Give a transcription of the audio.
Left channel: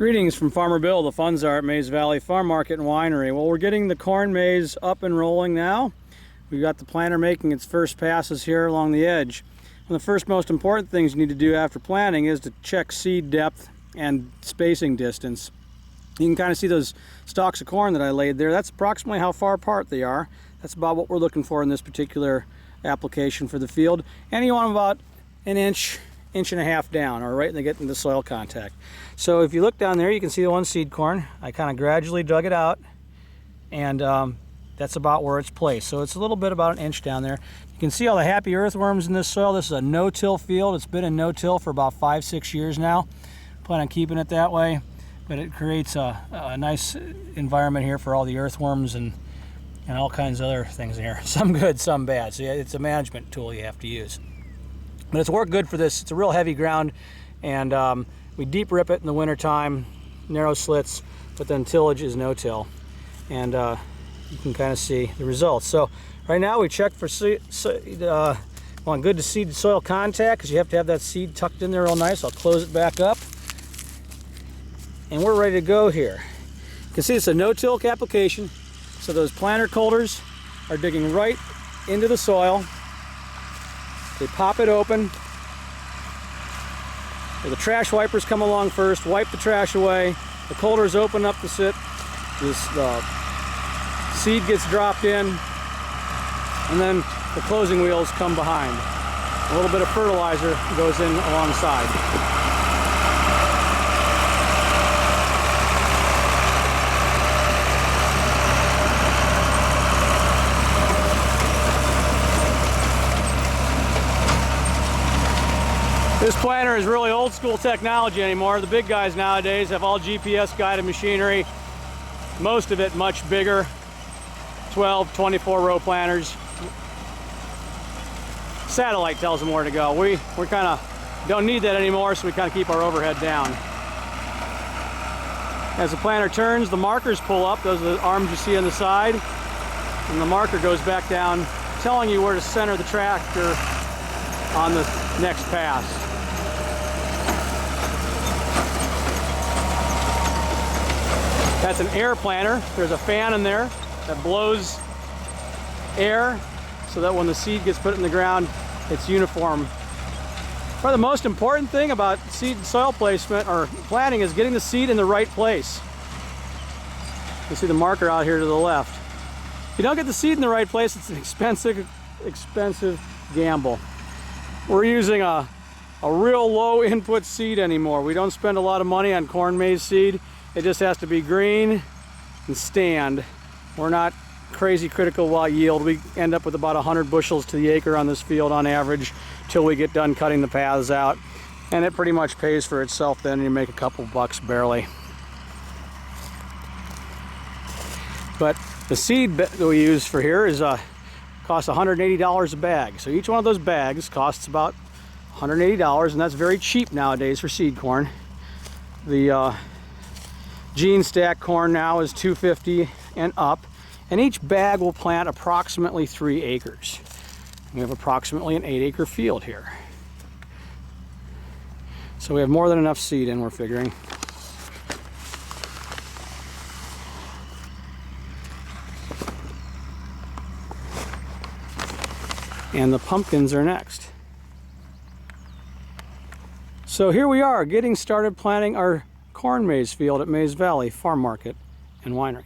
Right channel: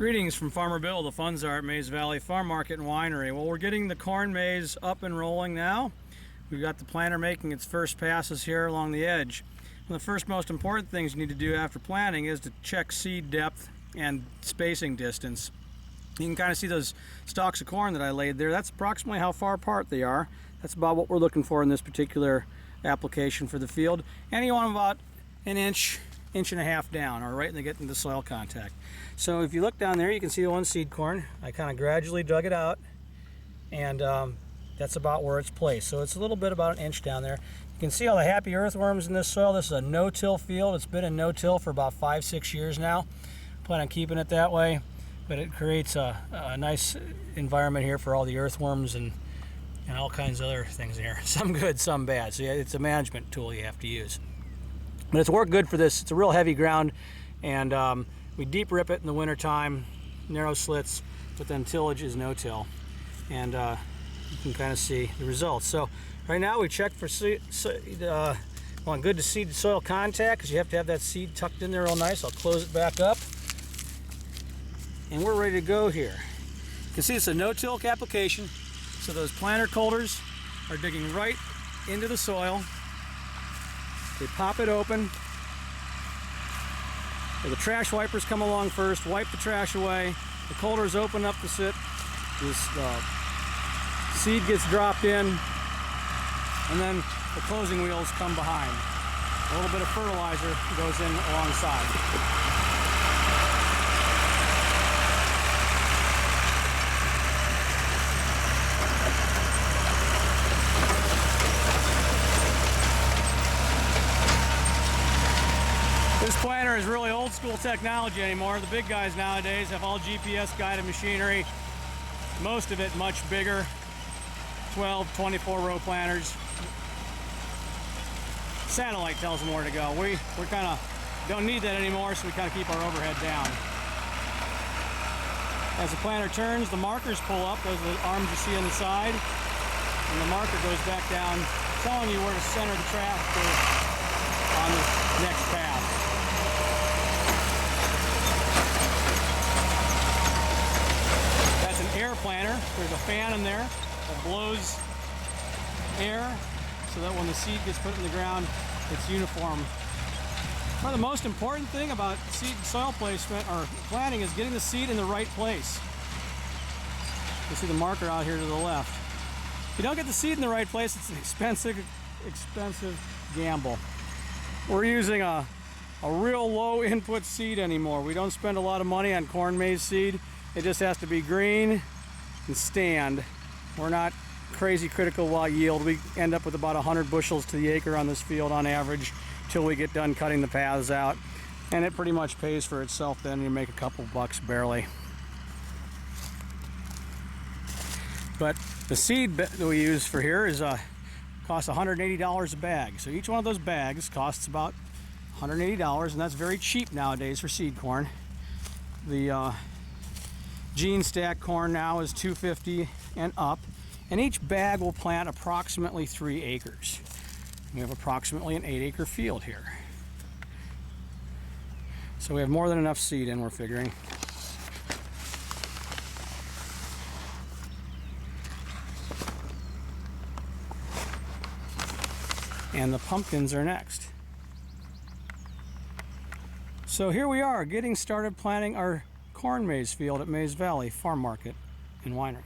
Greetings from Farmer Bill. The funds are at Mays Valley Farm Market and Winery. Well, we're getting the corn maze up and rolling now. We've got the planter making its first passes here along the edge. One of the first most important things you need to do after planting is to check seed depth and spacing distance. You can kind of see those stalks of corn that I laid there. That's approximately how far apart they are. That's about what we're looking for in this particular application for the field. And you want them about an inch and a half down, or right when they get into soil contact. So if you look down there, you can see the one seed corn. I kind of gradually dug it out, and that's about where it's placed. So it's a little bit about an inch down there. You can see all the happy earthworms in this soil. This is a no-till field. It's been in no-till for about 5-6 years now. Plan on keeping it that way, but it creates a nice environment here for all the earthworms and all kinds of other things in here. Some good, some bad. So yeah, it's a management tool you have to use. But it's worked good for this. It's a real heavy ground, and we deep rip it in the winter time, narrow slits, but then tillage is no-till, and you can kind of see the results. So right now we check for seed, on good to seed soil contact, because you have to have that seed tucked in there real nice. I'll close it back up, and we're ready to go here. You can see it's a no-till application, so those planter coulters are digging right into the soil. They pop it open. The trash wipers come along first, wipe the trash away. The coulters open up the seed gets dropped in, and then the closing wheels come behind. A little bit of fertilizer goes in alongside. This planter is really old school technology anymore. The big guys nowadays have all GPS guided machinery. Most of it much bigger, 12, 24 row planters. Satellite tells them where to go. We kind of don't need that anymore, so we kind of keep our overhead down. As the planter turns, the markers pull up. Those are the arms you see on the side. And the marker goes back down, telling you where to center the tractor on the next pass. That's an air planter. There's a fan in there that blows air so that when the seed gets put in the ground, it's uniform. Probably the most important thing about seed and soil placement or planting is getting the seed in the right place. You see the marker out here to the left. If you don't get the seed in the right place, it's an expensive gamble. We're using a real low input seed anymore. We don't spend a lot of money on corn maize seed. It just has to be green and stand. We're not crazy critical about yield. We end up with about 100 bushels to the acre on this field on average till we get done cutting the paths out. And it pretty much pays for itself then. You make a couple bucks barely. But the seed that we use for here is costs $180 a bag. So each one of those bags costs about $180, and that's very cheap nowadays for seed corn. The gene stack corn now is $250 and up, and each bag will plant approximately 3 acres. We have approximately an 8-acre field here. So we have more than enough seed in, we're figuring. And the pumpkins are next. So here we are, getting started planting our corn maze field at Mays Valley Farm Market and Winery.